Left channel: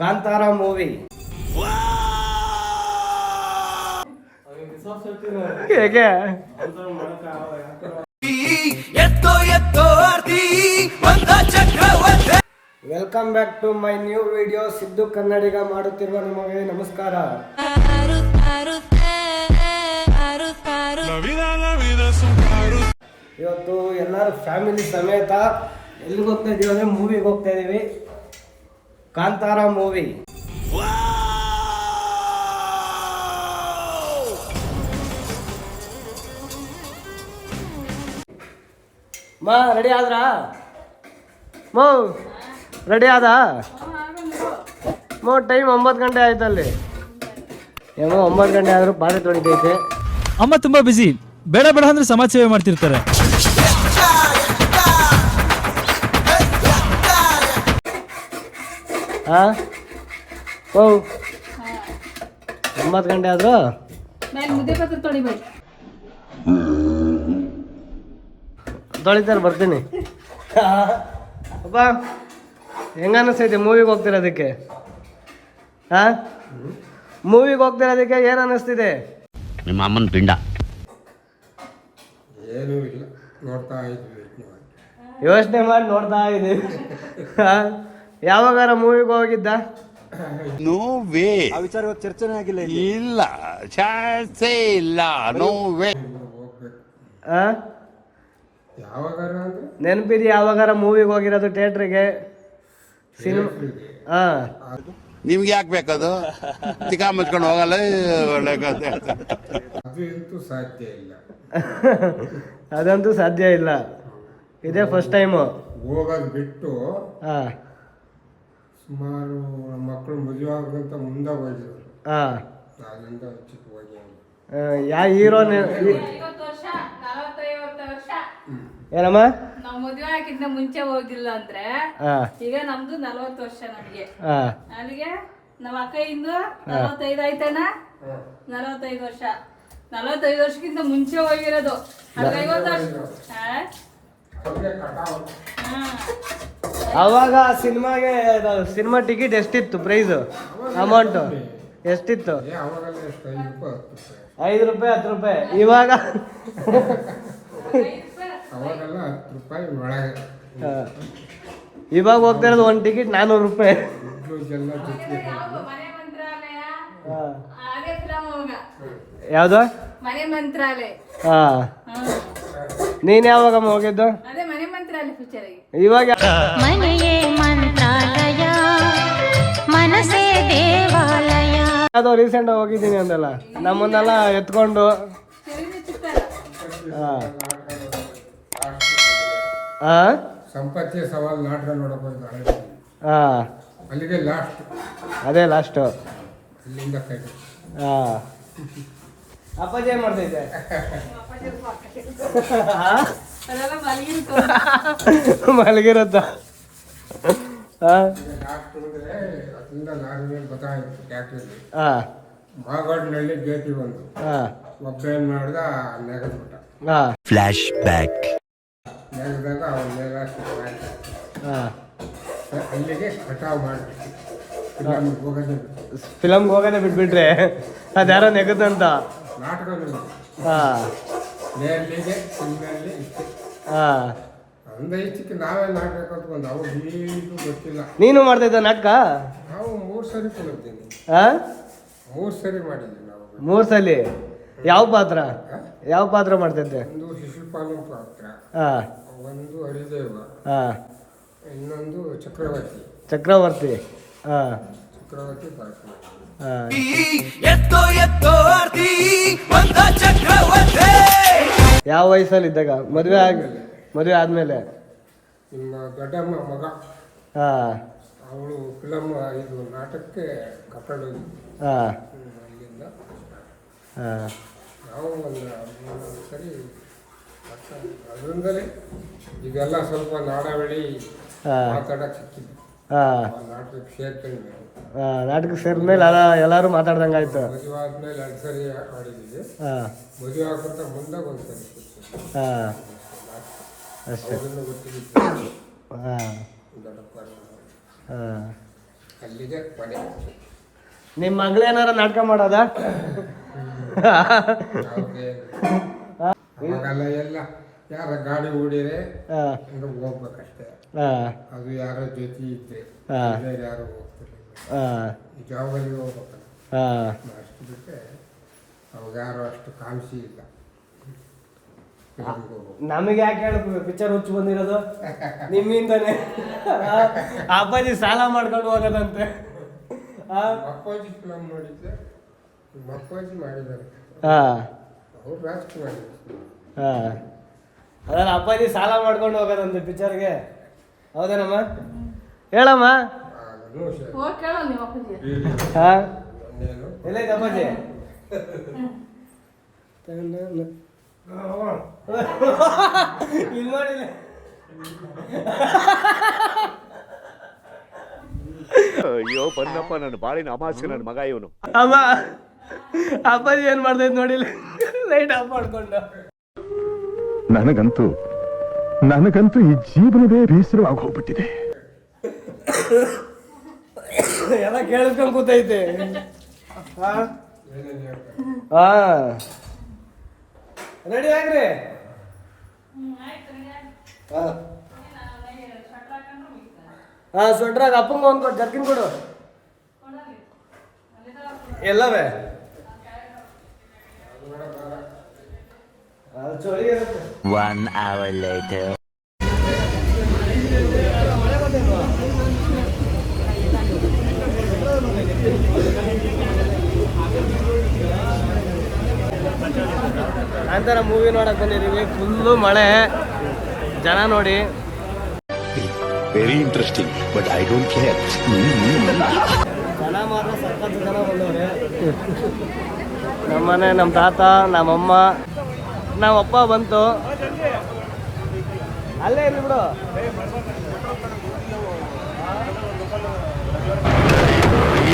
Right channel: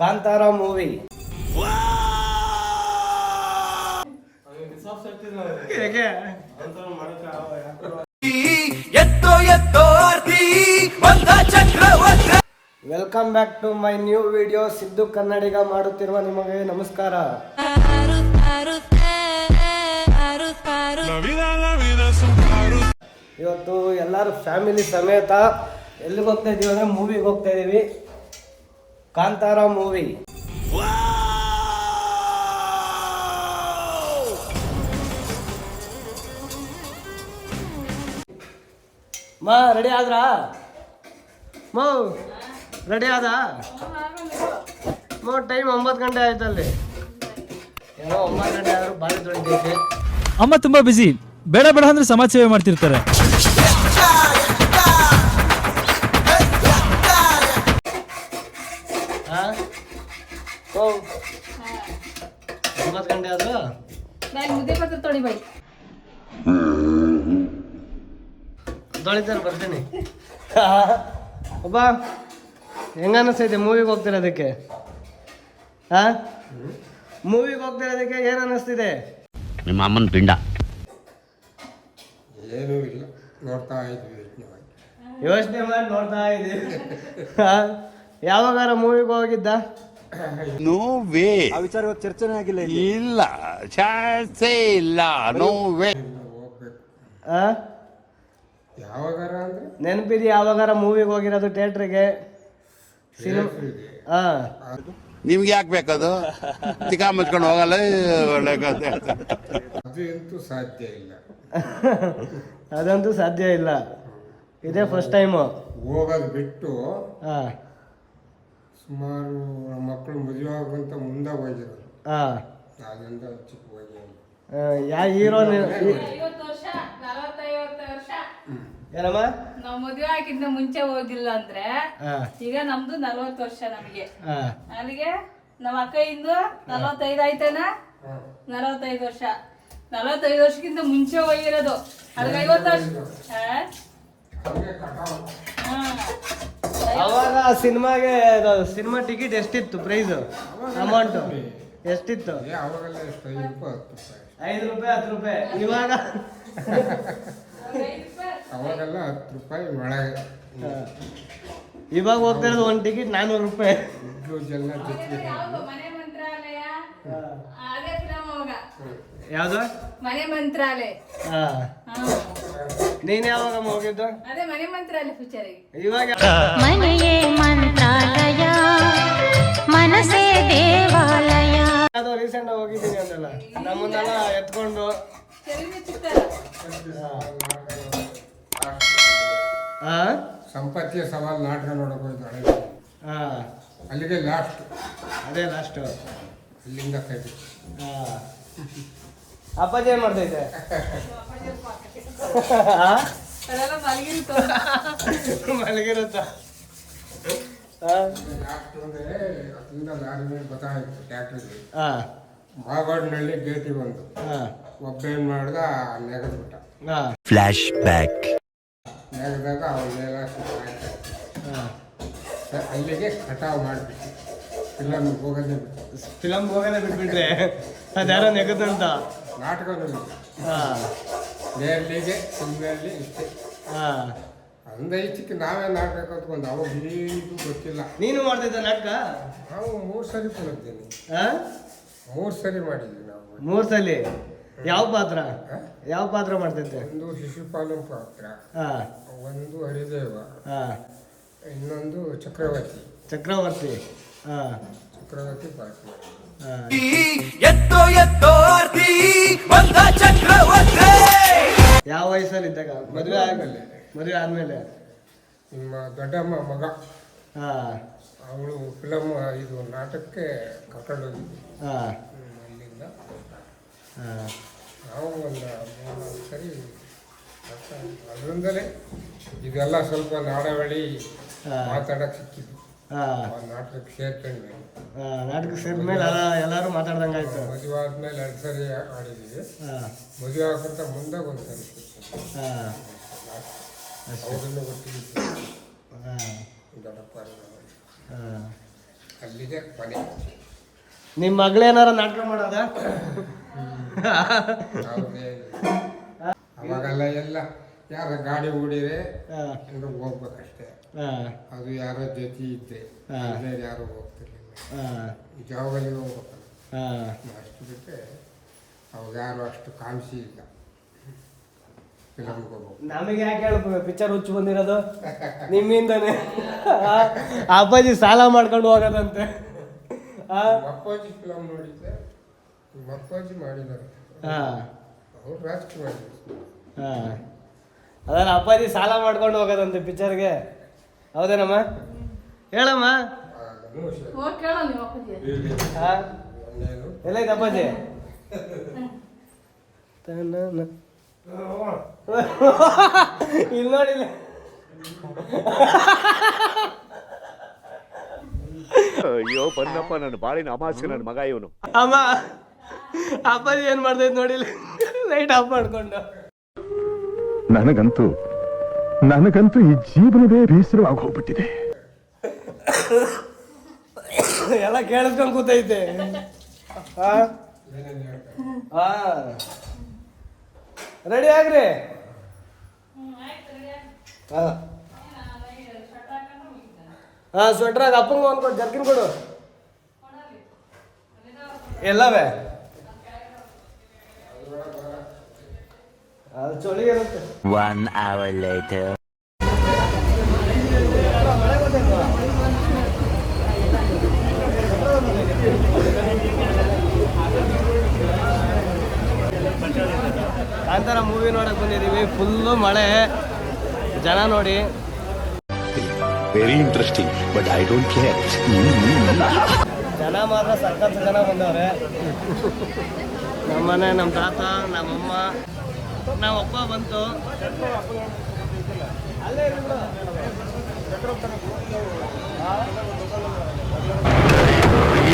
Kantara movie ಹೇಗೆ welcome back to my new video. Siddu Kannadiga ಮಾಡುತ್ತಿರುವ ನಿಮಗೆ ನಮಸ್ಕಾರ. ಇವತ್ತು ಎಲ್ಲರೂ ಫ್ಯಾಮಿಲಿ ಸಮೇತ ಎಲ್ಲಿಗೆ ಹೋಗ್ತಾ ಇದೀವಿ ಅಂದ್ರೆ ಮೂವಿಗೆ ಹೋಗ್ತಾ ಇದೀವಿ. ಕಾಂತಾರ ಮೂವಿ. ಮಾ ರೆಡಿ ಆದ್ರಾ? ಮೋ ರೆಡಿ ಆದ? ಮೋ ಟೈಮ್ 9 ಗಂಟೆ ಆಯ್ತಲ್ಲಿ. ಏನೋ 9 ಗಂಟೆ ಆದ್ರೂ ಬಾಳೆ ತೊಳಿತೈತೆ. ಅಮ್ಮ ತುಂಬಾ ಬಿಸಿ, ಬೇಡ ಬೇಡ ಅಂದ್ರೆ ಸಮಾಜ ಸೇವೆ ಮಾಡ್ತಿರ್ತಾರೆ. ಹಾ ಓ 9 ಗಂಟೆ ಆದ್ರೂ ತೊಳಿತಾರೆ. ಬರ್ತೀನಿ. ಬಾ, ಹೆಂಗ ಅನ್ನಿಸ್ತೈತೆ ಮೂವಿಗೆ ಹೋಗ್ತಿರೋದಕ್ಕೆ? ಹಾ ಮೂವಿಗೆ ಹೋಗ್ತಿರೋದಕ್ಕೆ ಏನು ಅನ್ನಿಸ್ತಿದೆ? ನಿಮ್ಮ ಅಮ್ಮನ ಪಿಂಡ ಏನೂ ಇಲ್ಲ, ನೋಡ್ತಾ ಇದ್ವಿ, ಯೋಚನೆ ಮಾಡಿ ನೋಡ್ತಾ ಇದ್ದೀವಿ. ಯಾವಾಗಾರ ಮೂವಿಗೆ ಹೋಗಿದ್ದ? No way. ಆ ವಿಚಾರ ಚರ್ಚೆನೇ ಆಗಿಲ್ಲ. ಇಲ್ಲ, ಚಾನ್ಸೇ ಇಲ್ಲ. No way. ಹೋಗ್ಬೇಕು. ಆ ಯಾವಾಗಾರ ಅಂದ್ರೆ ನೆನಪಿದೆ ಯಾವಾಗಾರ ಮೂವಿಗೆ ಹೋಗಿರೋದು ಥಿಯೇಟ್ರಿಗೆ? ಸಿನಿಮಾ? ಹಾ ನಿಮ್ಗೆ ಯಾಕೆ ಬೇಕದು? ಚಿಕ್ಕ ಮುಚ್ಕೊಂಡು ಹೋಗಲ್ಲ. ಒಳ್ಳೆ ಕಥೆ. ಅದಂತೂ ಸಾಧ್ಯ ಇಲ್ಲ. ಅದಂತೂ ಸಾಧ್ಯ ಇಲ್ಲ. ಇದೇ ಫಸ್ಟ್ ಟೈಮು ಹೋಗೋದು ಬಿಟ್ಟು ಹಾ ಸುಮಾರು ನಮ್ಮ ಮಕ್ಕಳು ಮದುವೆ ಆಗೋಂತ ಮುಂದೆ ಹೋಗಿರೋದು. ಹಾ ನಾನಿಂದ ಚಿಕ್ಕ ಹೋಗಿ ಯಾವ ಹೀರೋ? ಏನಮ್ಮ? ನಾವ್ ಮದುವೆ ಆಗಿಂತ ಮುಂಚೆ ಹೋಗಿಲ್ಲ ಅಂದ್ರೆ ಈಗ ನಮ್ದು 40 ವರ್ಷ. ನಮಗೆ ಅಲ್ಲಿಗೆ ನಮ್ಮ ಅಕ್ಕ ಇಂದು 45 ಆಯ್ತೇನಾ? 45 ವರ್ಷ. 45 ವರ್ಷಕ್ಕಿಂತ ಮುಂಚೆ ಹೋಗಿರೋದು. ಅದ್ಗೆ 50 ವರ್ಷ. ಅವಾಗ ಸಿನಿಮಾಗೆ ಸಿನಿಮಾ ಟಿಕೆಟ್ ಎಷ್ಟಿತ್ತು? ಪ್ರೈಸ್ ಅಮೌಂಟ್ ಎಷ್ಟಿತ್ತು? ಅವಾಗೆಲ್ಲ ಎಷ್ಟು? 5 ರೂಪಾಯಿ 10 ರೂಪಾಯಿ. ಇವಾಗ ಅವಾಗೆಲ್ಲ 10 ರೂಪಾಯಿ ಒಳಗೆ. ಇವಾಗ ಹೋಗ್ತಾ ಇರೋದು ಒಂದು ಟಿಕೆಟ್ 400 ರೂಪಾಯಿ. ಎಲ್ಲ ಜೊತೆಗೆ ಮನೆ ಮಂತ್ರಾಲಯ ಅದೇ ಫಿಲಂ. ಅವಾಗ ಯಾವ್ದು? ಮನೆ ಮಂತ್ರಾಲಯ. ಹಾ ನೀನ್ ಯಾವಾಗ ಹೋಗಿದ್ದು? ಅದೇ ಮನೆ ಮಂತ್ರಾಲಯ ಪಿಕ್ಚರ್. ಇವಾಗ ಮನೆಯೇ ಮಂತ್ರಾಲಯ, ಮನಸ್ಸೇ ದೇವಾಲಯ. ಅದು ರೀಸೆಂಟ್ ಹೋಗಿದ್ದೀನಿ ಅಂದಲ್ಲ, ನಮ್ಮನ್ನೆಲ್ಲ ಎತ್ಕೊಂಡು. ಹಾ ಸಂಪತ್ತಿಯ ಸವಾಲ್ ನಾಟಕ ನೋಡಕ್ ಹೋಗಿದ್ದು. ಹಾ ಅಲ್ಲಿಗೆ ಲಾಸ್ಟ್. ಅದೇ ಲಾಸ್ಟ್. ಅಲ್ಲಿಂದ ಕೈ. ಹಾ ಅಪ್ಪಾಜಿ ಏನ್ ಮಾಡ್ತೈತೆ? ಮಲಗಿರುತ್ತ. ಲಾಸ್ಟ್ ಅಂದ್ರೆ ಅದರಿಂದ ಲಾರಿ ಮೇಲೆ ಗೊತ್ತಾಯಿತು ಟ್ಯಾಕ್ಟ್ರಲ್ಲಿ. ಮಾಗಡಿನಳ್ಳಿ ಗೇಟಿ ಬಂದು ಒಬ್ಬ ಏನ್ ಮಾಡ್ದ, ನೆಗೆದ್ಬಿಟ್ಟ. Flash back. ನೆಗೆದಾಗ ಅವನ ಮೇಲೆ ಅಲ್ಲಿಗೆ ಕಟಾವ್ ಮಾಡಿಬಿಟ್ಟು ಫಿಲಮ್ಗೆ ಹೋಗೋದೇ ಬಿಟ್ಟು. ಫಿಲಮ್ಗೆ ಹೋಗೋದೇ ಬಿಟ್ಬಿಟ್ರೆ ಅದ್ಯಾರೋ ನೆಗದಂತ ನಾಟಕ ಮೇಲಿಗೆ ಸಿನಿಮೆಯಲ್ಲಿ ಇಷ್ಟೇ. ಅಂದ ಇಷ್ಟಕ್ಕೆ ನಾವೇ ನಾಟಕ ಕಲ್ತ್ಕೊಂಡು ಅವಾಗ ಇದು ಗೊತ್ತಿಲ್ಲ. ನೀನು ಮಾಡ್ತಿದ್ದ ನಾಟಕ? ನಾವು 3 ಸರಿ ಕೊಡಿದ್ದೀನಿ. 3 ಸರಿ ಮಾಡಿದ್ವಿ ನಾವು. 3 ಸಲ? ಯಾವ ಪಾತ್ರ? ಯಾವ ಪಾತ್ರ ಮಾಡ್ತಿದ್ದೆ? ಒಂದು ಶಿಶುಪಾಲಂ ಪಾತ್ರ, ಒಂದು ಹರಿದೇವ, ಇನ್ನೊಂದು ಚಕ್ರವರ್ತಿ. ಚಕ್ರವರ್ತಿ ಪಾತ್ರ ಮಾಡಿದ್ವಿ. ಯಾವ ವಯಸ್ಸಲ್ಲಿ ಇದ್ದಾಗ? ಮದುವೆ ಆದ್ಮೇಲೆ? ನಿಮ್ಮ ದೊಡ್ಡಮ್ಮ ಮಗ ಅವಳು ಫಿಲಮ್ ಇದು ನಾಟಕಕ್ಕೆ ಕರ್ಕೊಂಡು ಹೋಗಿದ್ವಿ. ಅಲ್ಲಿಂದ ನಾವು ಒಂದು 3 ಸರಿ ಅದರಿಂದಲೇ ಇದೆಲ್ಲ ಸ್ವಲ್ಪ ನಾಡವಳಿ ಮಾತಾಡಕ್ಕೆ ಸಿಕ್ಕಿದ್ವಿ. ನಾಟಕಕ್ಕೆ ಸೇರ್ಕೊಂಡ್ವಿ. ನಾಟಕಕ್ಕೆ ಸೇರಿದ್ಮೇಲೆ ಎಲ್ಲರೂ ಮಾತಾಡ್ದಂಗಾಯ್ತು. ಮದುವೆ ಆದ್ಮೇಲೆ 2 ಸರಿ ಮಾಡಿದ್ವಿ. ಮದುವೆ ಆಗೋಂತ ಮುಂದೆ 1 ಸರಿ ಅಷ್ಟೇ. ಗೊತ್ತಿತ್ತು. ದೊಡ್ಡಪ್ಪ ಅಲ್ಲಿಗೆ ಕೊನೆ. ನಿಮ್ಮ ಮಗಳೇನಾರ ನಾಟಕ ಮಾಡೋದಾ? ಅವ್ರಿಗೆ ಅವಾಗೆಲ್ಲ ಎಲ್ಲ ಯಾರ ಗಾಡಿ ಓಡಿರೆ ಅಂದ್ರೆ ಹೋಗ್ಬೇಕಷ್ಟೇ. ಅದು ಯಾರೋ ಜೊತೆ ಇದ್ದೆ, ಬೇರೆ ಯಾರು ಹೋಗ್ತಿರ್ಲಿಲ್ಲ. ಜಾವಗಳಿಗೆ ಹೋಗ್ಬೇಕಲ್ಲ ಅಷ್ಟು ಬಿಟ್ಟರೆ ಅವಾಗ ಯಾರು ಅಷ್ಟು ಕಾಣಿಸಿ ಇಲ್ಲ. ನಮಗೆ ಯಾಕೆ ಹೇಳ್ಬೇಕು ಪಿಕ್ಚರ್ ಹುಚ್ಚು ಬಂದಿರೋದು ನಿಮ್ಮಿಂದಾನೆ. ಅಪ್ಪಾಜಿ ಸಾಲ ಮಾಡ್ಕೊಂಡು ಹೋಗೋದಂತೆ. ಅಪ್ಪಾಜಿ ಫಿಲಮ್ ನೋಡಿದ್ದೆ, ಅಪ್ಪಾಜಿ ಮಾಡಿದ್ದಾರೆ ಅವ್ರು ರಾಜಕೀಯ. ಅದನ್ನ ಅಪ್ಪಾಜಿ ಸಾಲ ಮಾಡ್ಕೊಂಡು ಹೋಗೋದಂತೆ ಪಿಕ್ಚರ್ಗೆ. ಹೌದೇನಮ್ಮ? ಹೇಳಮ್ಮ. ಹೋಗಿ ಕೇಳೋ ನಿಮ್ಮ ಅಪ್ಪಾಜಿ. ಎಲ್ಲೈತೆ ಅಪ್ಪಾಜಿ? ಇಲ್ಲಿ ನೋಡಿಲ್ಲ. ಅಯ್ಯೋ ಬನ್ನಪ್ಪ, ನನ್ನ ಬಾಳಿನ ಅಮಾಸ್ಯ ನನ್ನ ಮಗ ಇವನು. ಅಮ್ಮ ಅಪ್ಪಾಜಿ ಏನ್ ಮಾಡ್ತೈತ್ ನೋಡಿಲ್ಲ, ಲೈಟ್ ಆಫ್ ಮಾಡ್ಕೊಂಡು. ನನಗಂತೂ ಈ ಜೀವನವೇ ಬೇಸರವಾಗಿ ಹೋಗ್ಬಿಟ್ಟಿದೆ. ಎಲ್ಲ ಕೇಳಿಸ್ಕೊಂಡ್ ಕೂತೈತೆ. ರೆಡಿ ಆಗ್ರಿ. ಸ್ವೆಟ್ರಾಗ ಅಪ್ಪಂಗ ಒಂದ್ ಕೊಡು, ಜರ್ಕಿನ್ ಕೊಡು. ಎಲ್ಲವೇ ಅದು ಚಳಿ ಇರುತ್ತೆ. 1 hour later. ಕಾಂತಾರ ಮೂವಿ ನೋಡಕ್ ಬಂದಿದೀವಿ. ಫುಲ್ಲು ಮಳೆ, ಜನ ನೋಡಿ. Very interesting but I don't care. ಜನ ಮಾತ್ರ ಸಖತ್ ಜನ ಬಂದವ್ರೆ. ನಮ್ಮನೆ, ನಮ್ಮ ತಾತ, ನಮ್ಮಮ್ಮ, ನಮ್ಮಪ್ಪ ಬಂತು. ಅಲ್ಲೇ ಇರು.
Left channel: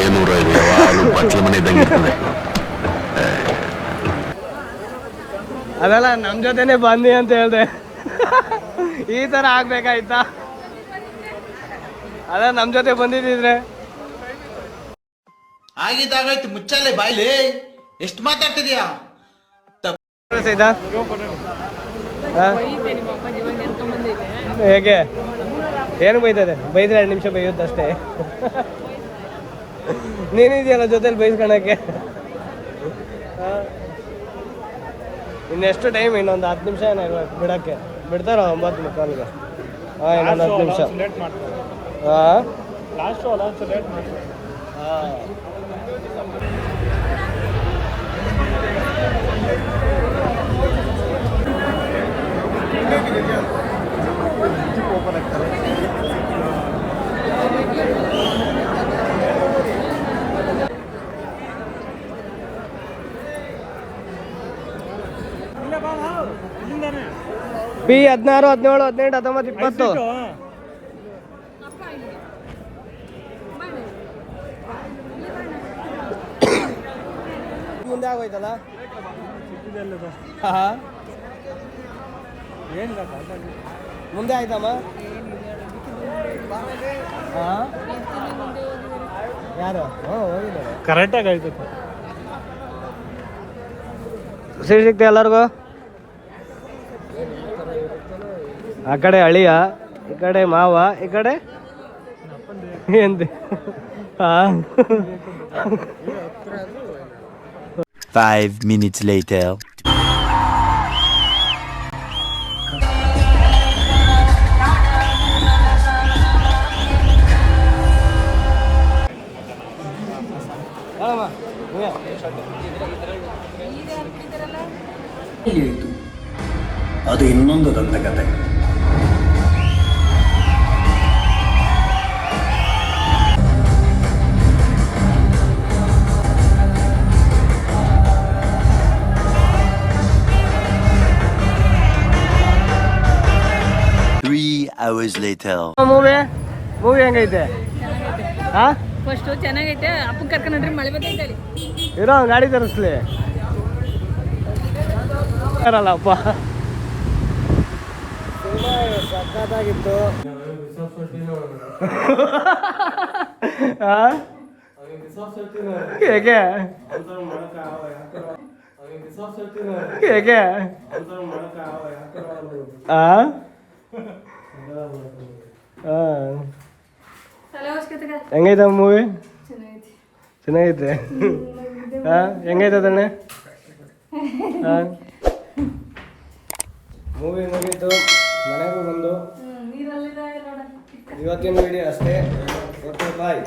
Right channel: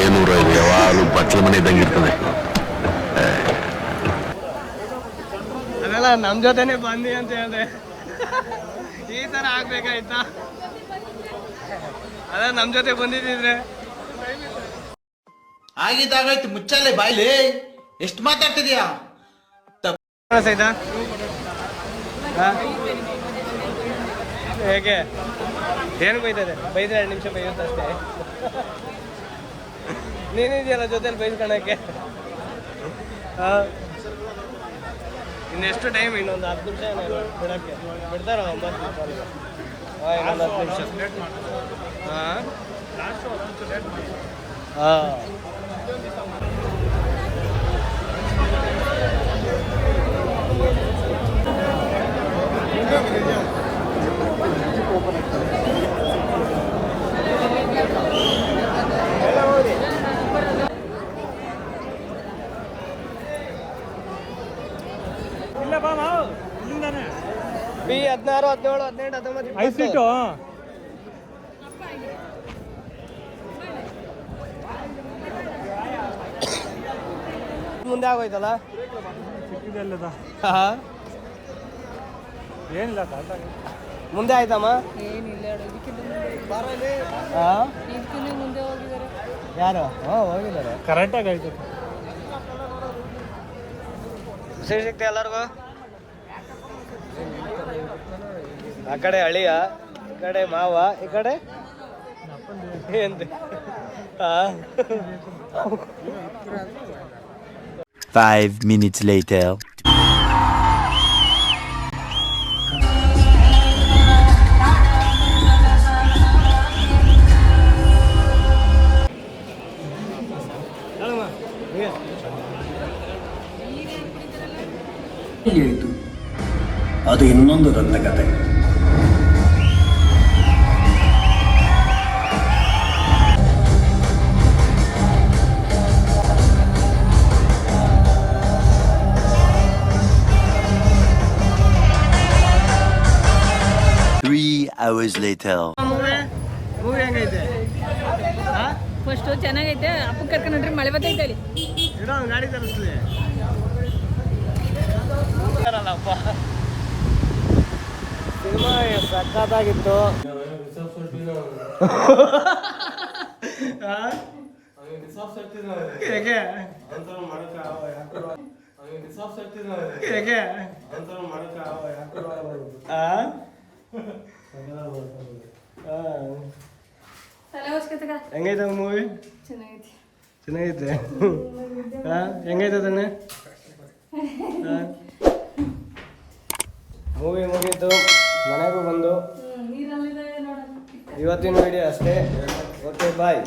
ಏನೂರ ಯಾವಾಗಲೂ ಬಚ್ಚಲ ಮನೆ ಇದ್ದಂಗಿರ್ತದೆ. ಅದೆಲ್ಲ ನಮ್ಮ ಜೊತೆನೆ ಬಂದಿ ಅಂತ ಹೇಳ್ದೆ. ಈ ಥರ ಆಗ್ಬೇಕಾಯ್ತಾ? ಅದ ನಮ್ಮ ಜೊತೆ ಬಂದಿದ್ದಿದ್ರೆ ಆಗಿದ್ದಾಗಾಯ್ತು. ಮುಚ್ಚಲೆ ಬಾಯ್ಲಿ, ಎಷ್ಟು ಮಾತಾಡ್ತಿದ್ಯಾ? ಸೈದಾ ಹೇಗೆ ಏನು ಬೈತಾರೆ? ಬೈದ್ರೆ 2 ನಿಮಿಷ ಬೈಯುತ್ತಷ್ಟೇ. ನೀನಿದೆಯಲ್ಲ ಜೊತೆಲಿ ಬೈಸ್ಕೊಳಕ್ಕೆ. ಇನ್ನೆಷ್ಟು ಟೈಮ್? ಇನ್ನೊಂದು 10 ನಿಮಿಷ ನಾವು ಬಿಡೋಕ್ಕೆ ಬಿಡ್ತಾರ? 9 ನಿಮಿಷ. ಇನ್ನೊಂದು 10 ನಿಮಿಷ. ಬಿ 16, 17, 18, 19, 20. ಮುಂದೆ ಆಗೋಯ್ತಲ್ಲ. ಏನಿಲ್ಲ, ಮುಂದೆ ಆಯ್ತಮ್ಮ. ಯಾರು? ಹೋಗಿದ್ದಾರೆ. ಕರೆಕ್ಟಾಗಿ ಆಯ್ತು. ಸೀಟ್ ಸಿಗ್ತೆ ಎಲ್ಲರಿಗೂ? ಆ ಕಡೆ ಅಳಿಯ, ಈ ಕಡೆ ಮಾವ, ಈ ಕಡೆ ಎಂತ. 5 minutes later. ಅದು ಇನ್ನೊಂದು ದಂತಕತೆ. hours later. ಮೂವಿ ಹೆಂಗೈತೆ? ಫಸ್ಟ್ ಚೆನ್ನಾಗೈತೆ. ಅಪ್ಪ ಕರ್ಕೊಂಡ್ರಿ, ಮಳೆ ಬರ್ತೈತೆ ಅಲ್ಲಿ. ಇರೋ ಗಾಡಿ ತರಿಸ್ಲಿ ಅಪ್ಪ. ಸಿನಿಮಾ ಸಕ್ಕತ್ತಾಗಿತ್ತು. ಹೇಗೆ ಹೇಗೆ ತಲೆ ಹೊಸ್ಕೊತಗ ಹೆಂಗೈತೆ ಮೂವಿ? ಚೆನ್ನಾಗೈತಿ. ಚೆನ್ನಾಗೈತೆ. ಹೆಂಗೈತೆ ಅದನ್ನೇ? ಮೂವಿ ಮುಗೀತು, ಮನೆಗೂ ಬಂದು ನೀರಲ್ಲಿದೆ ನೋಡ. ಇವತ್ತಿನ ವಿಡಿಯೋ ಅಷ್ಟೇ. ಓಕೆ ಬಾಯ್.